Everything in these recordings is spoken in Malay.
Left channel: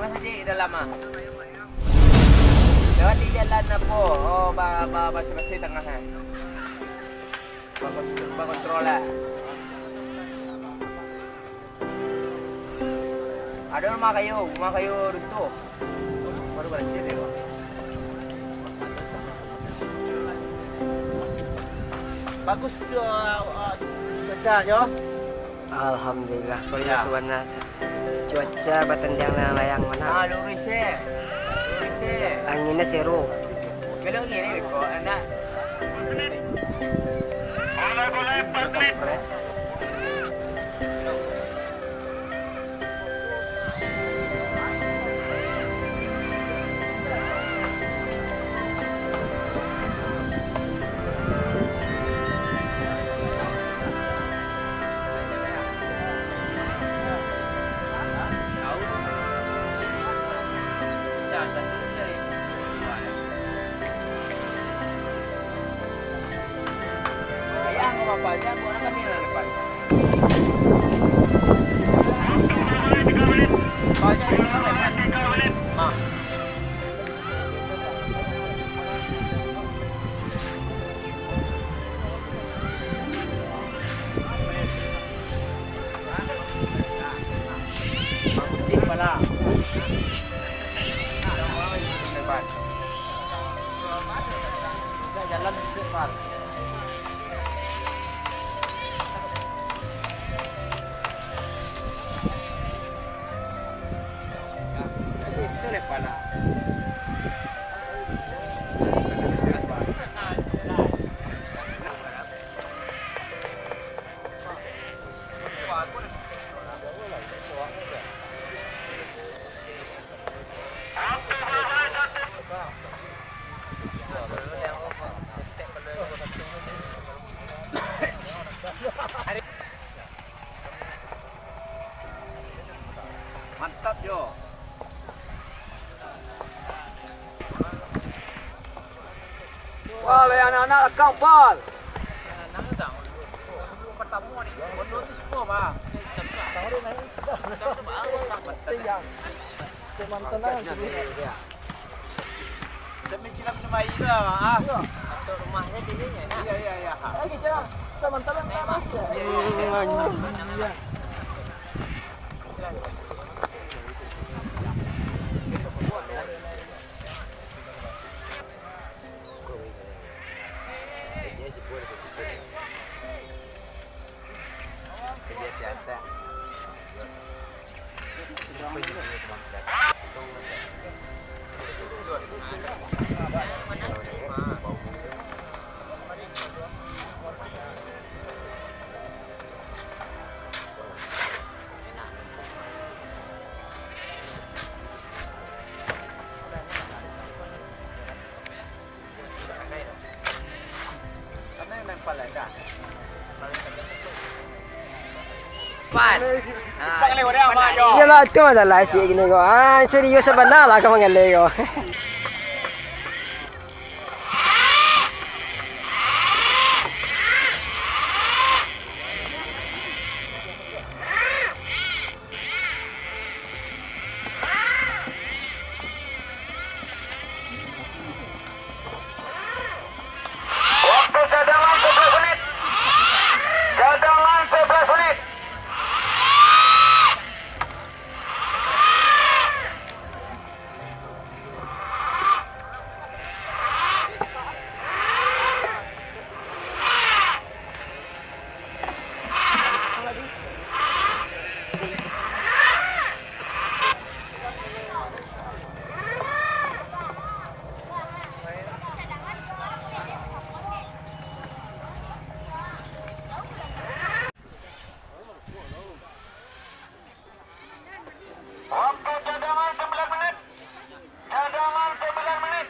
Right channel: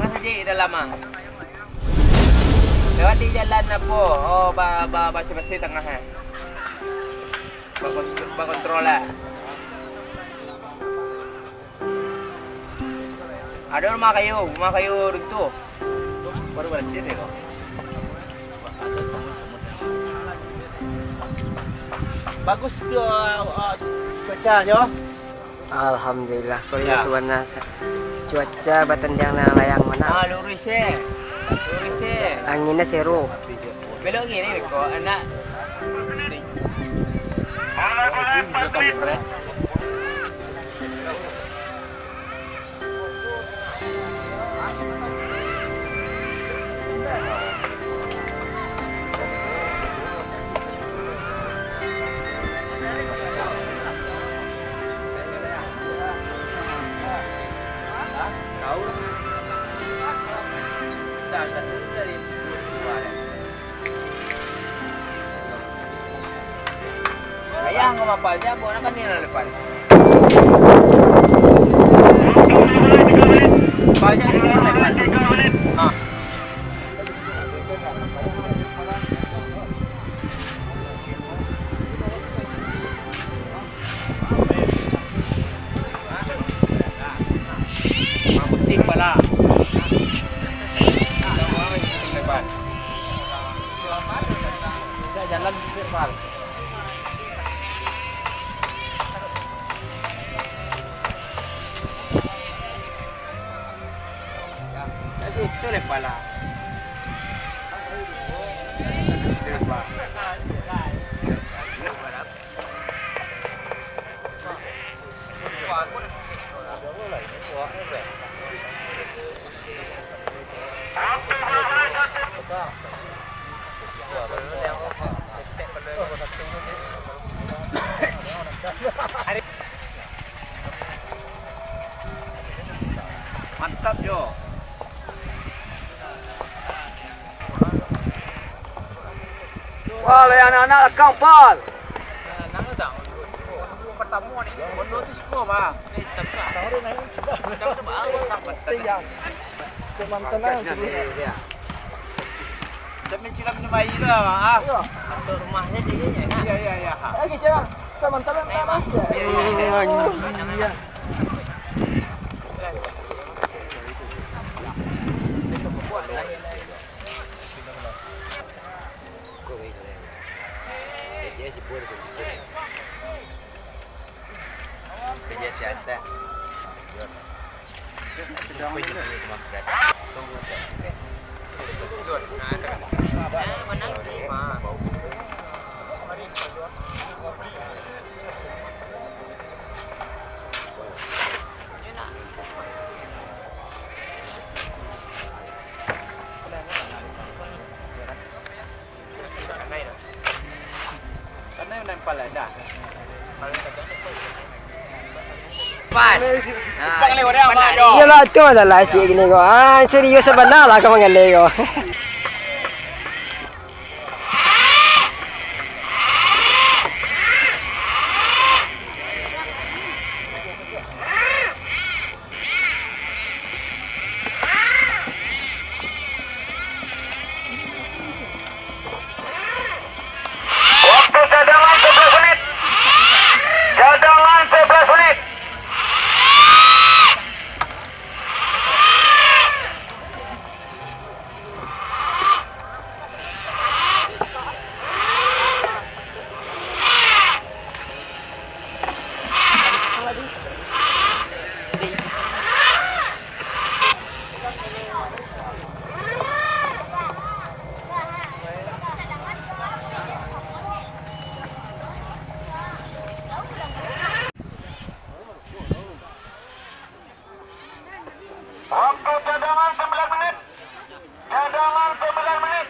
Mas di dalam ah. Lewati jalan apa? Oh, baca-baca tengah eh. Kontrol lah. Ada rumah kayu runtuh. Baru bersih deh kok. Bagus tu cuacanya. Alhamdulillah, Korea suwana cuaca batendang layang mana. Lurus Anginnya seru. Belok gini kok anak. Ayah ngomong apa aja, bukan kami yang depan. Banyak di depan. Ah. Penting pala. Kita jalan depan. Itu lepas lah. Mantap Jo. Wah, anak-anak kampal. Nang tak. Pertama ni, bono tu sekolah bah. Ni tak. Macam tu bah, tak betul. Kemantanan sebenarnya. Demi cilam ni mai lah ah. Satu rumahnya dia nya. Ya. Lagi jalan. Kemantanan mana? Ya. Karena yang nempel ada. Yalah, itu masalah cik gini kok. Serius sebenar lah kau mengelak kau. Waktu cadangan 11 menit. Cadangan 11 menit. Waktu cadangan 11 menit. Cadangan 11 menit.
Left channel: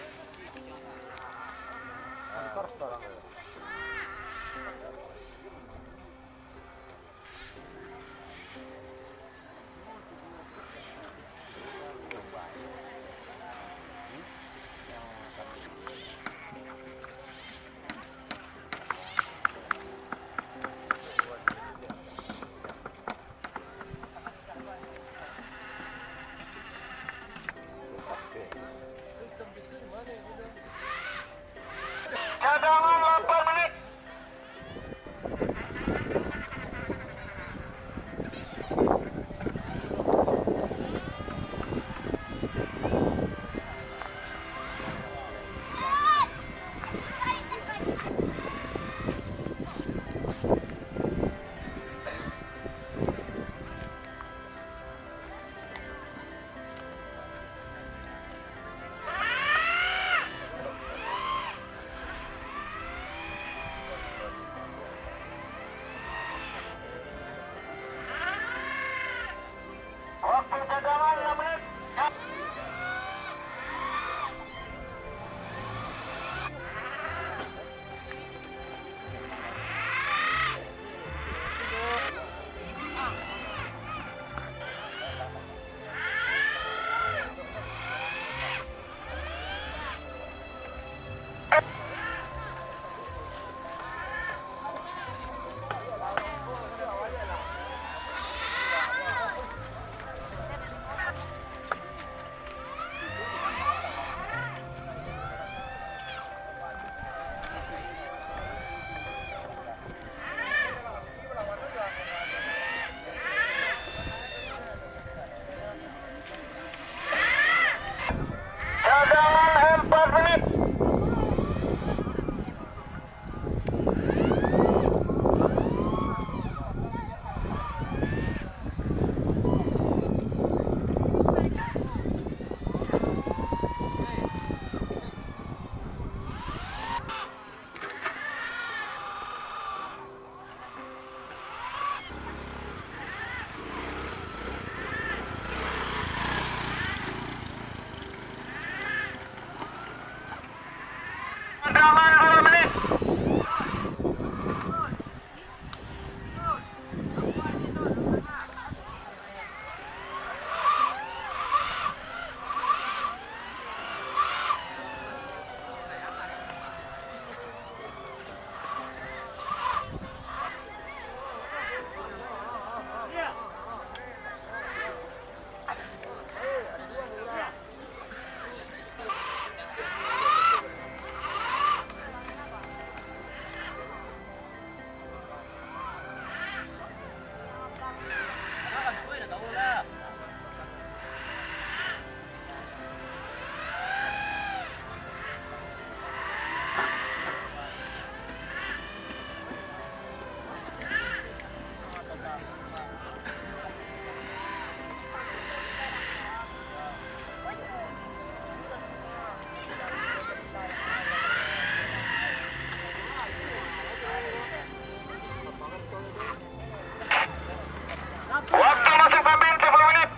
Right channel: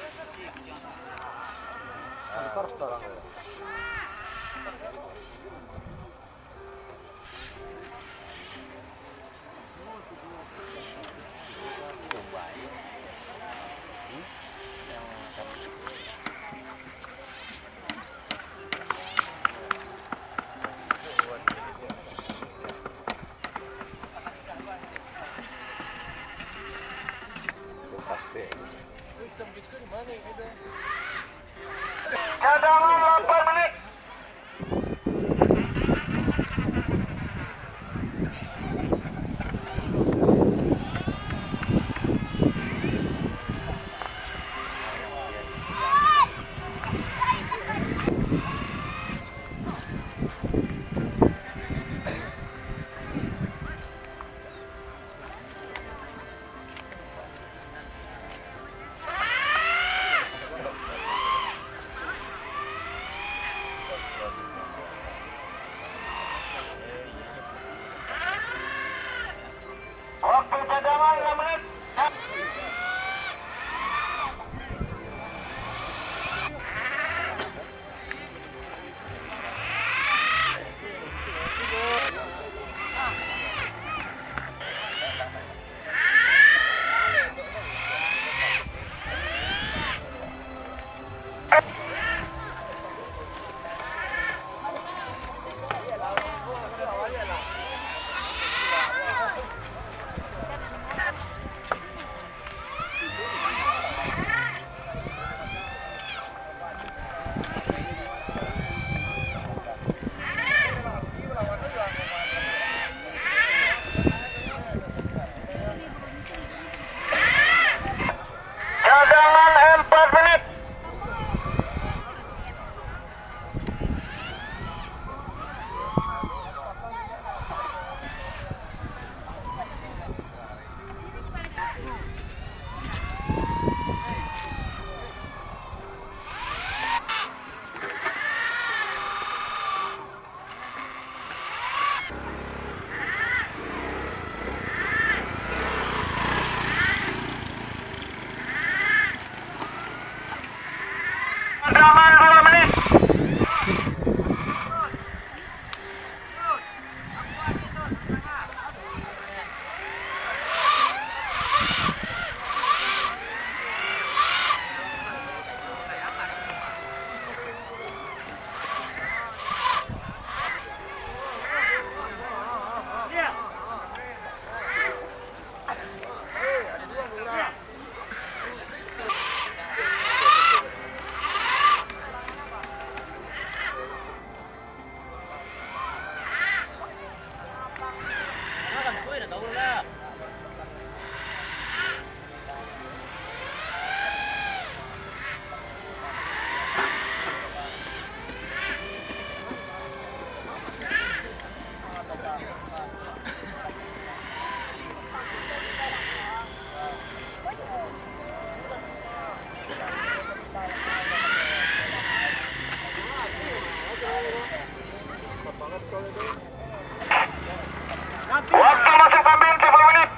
Waktu masih tampil 10 menit.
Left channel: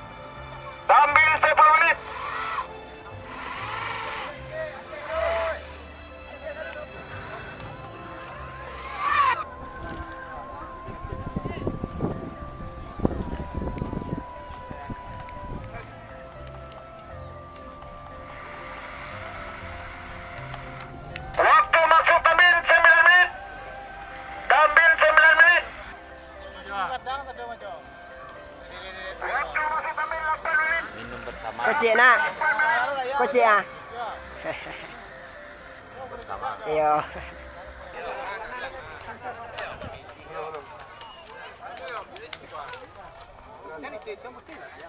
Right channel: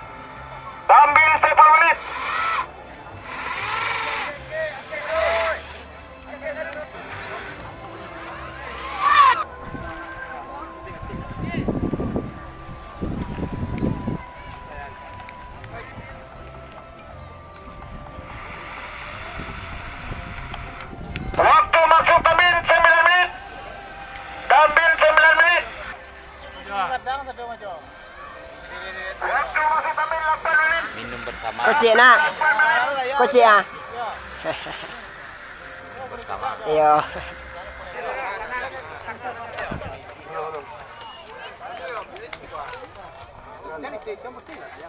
Tampil 10 menit. Waktu masuk tampil 9 menit. Tampil 9 menit. Waktu masih tampil 8 menit. Minum bersama. Kocik nak. Kocik ah. Iyo.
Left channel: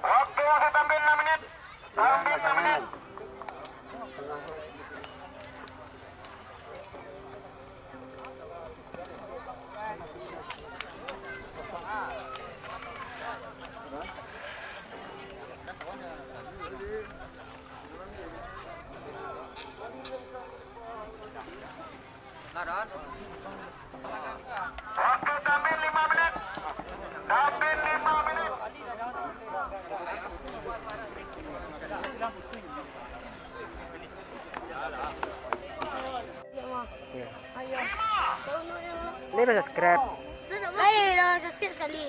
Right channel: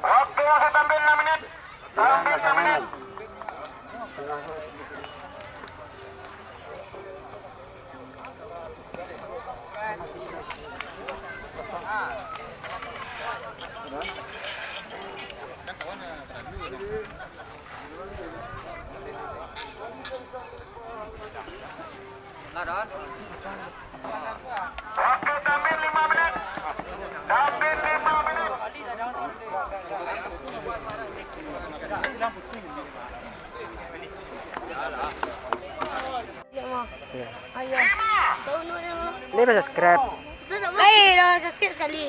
Waktu masih tampil 6 menit. Tampil 6 menit. Waktu tampil 5 menit. Tampil 5 menit. Ini bisa subscribe. Dah subscribe sekali.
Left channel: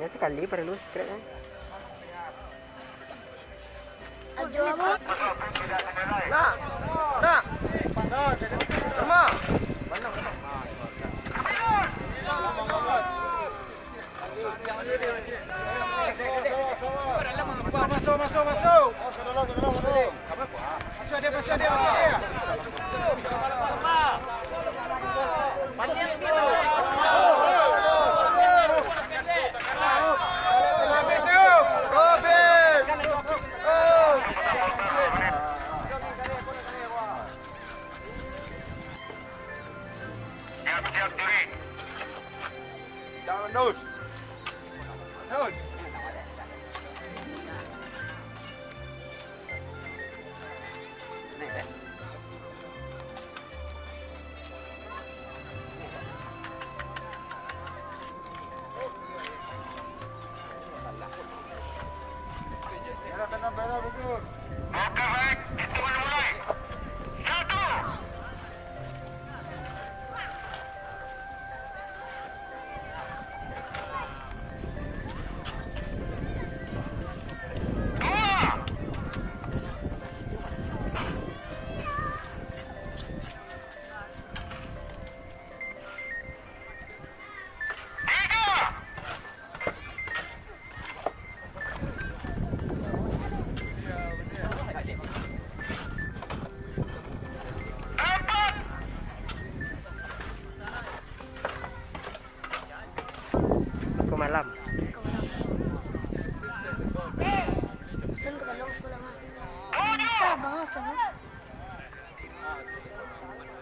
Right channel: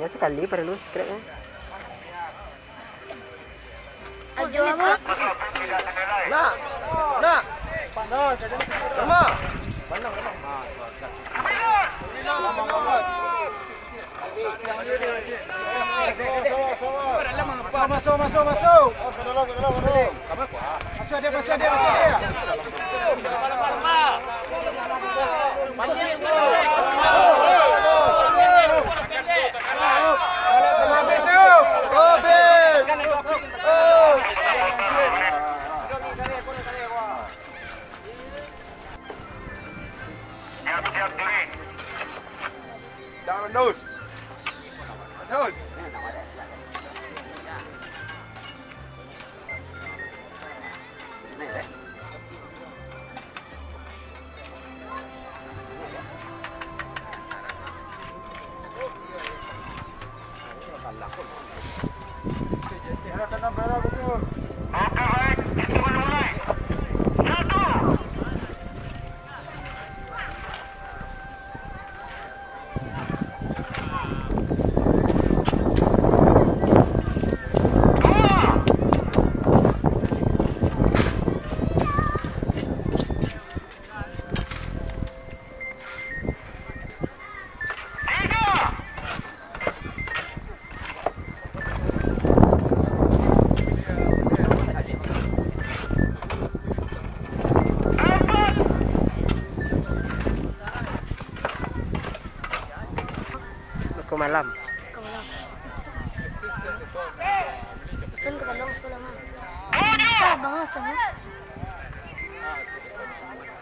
Ya sekali perlu subscribe ya. Ajo apa? Nak. Nak. Sama. Masuk. Masuk dia. Siap diri. Jangan menus. Oke baik. Hitungan mulai. 1. Aku malam. Sen ke Bandung sekolah mah. Minta bangal sana.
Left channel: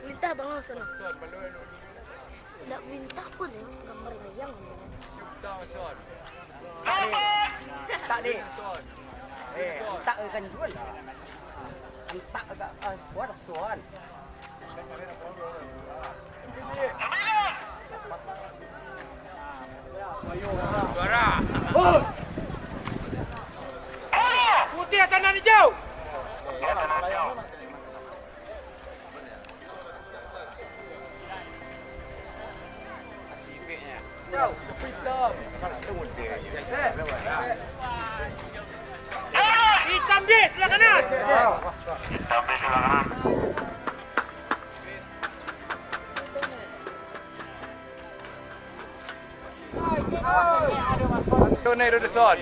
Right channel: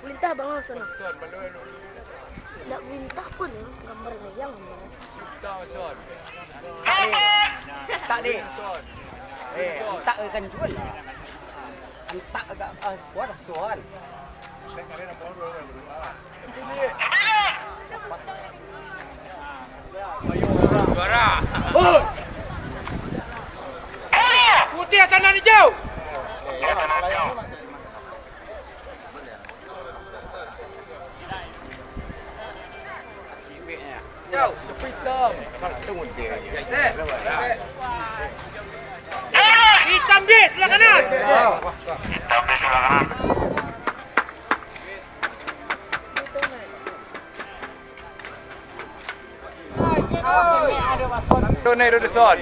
Minta bangal sana. Tidak minta pun ya gambarnya yang. Tak ni. Tak akan jual lah. Tak agak buat soal. Juara. Oh. Putih atas dan hijau. Jauh, hitam. Tunggu dia. Hitam di sebelah kanan. Hitam di sebelah kanan. Tu naik duduk son.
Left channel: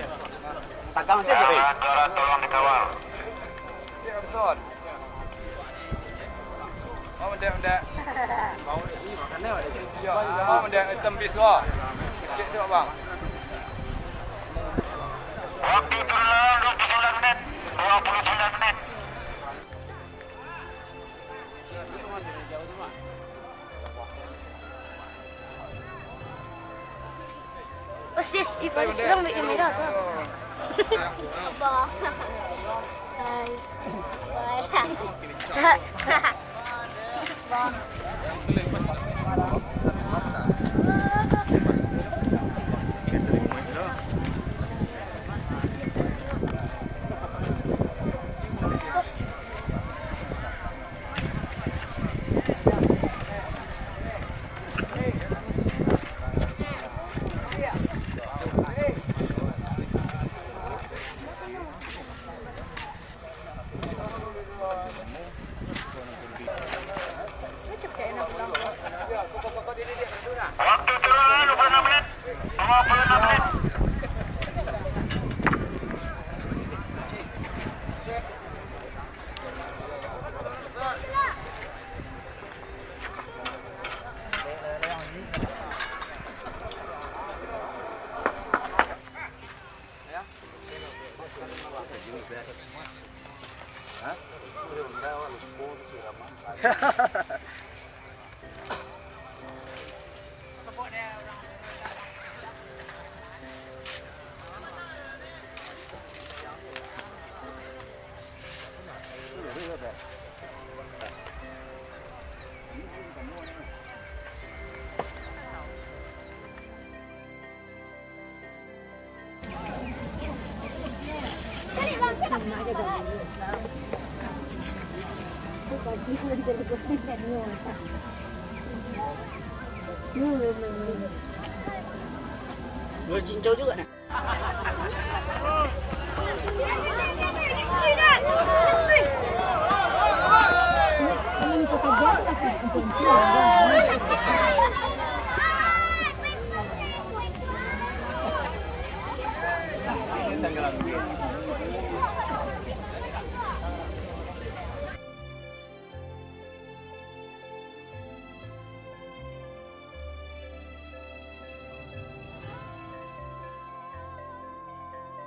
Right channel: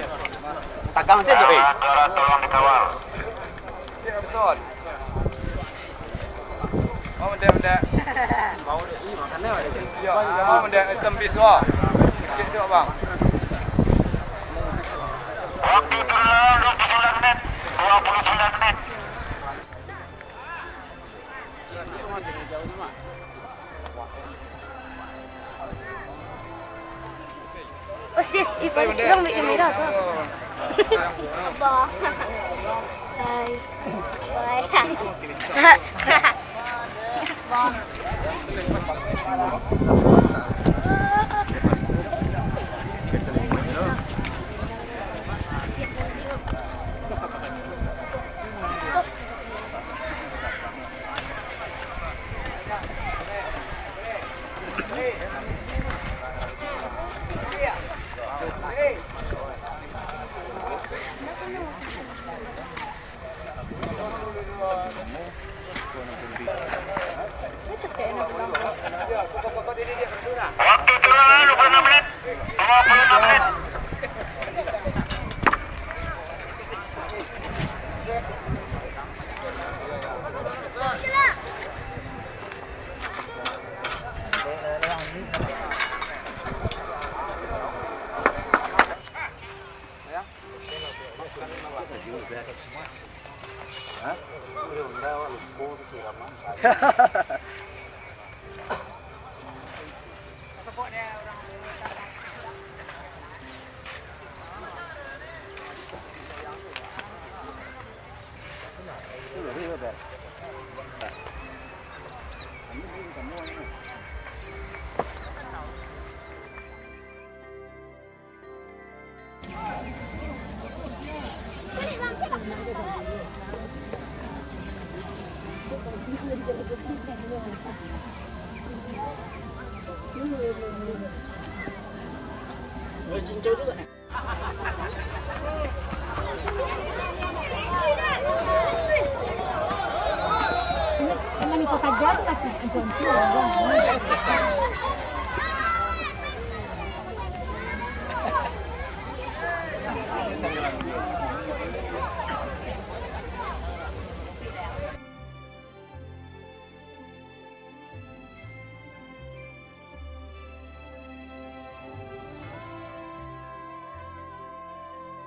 Tagang saja. Antara tolong dikawal. Ya, betul. Oh, mendek. Ya, oh, mendek hitam biswa. Sikit tu bang. Waktu berlalu 29 menit. 29 menit. Oh sis, itu sedang naik kamera tu. Abang. Hai. Bye. Cincau juga nih. Ini kota Jawa kasih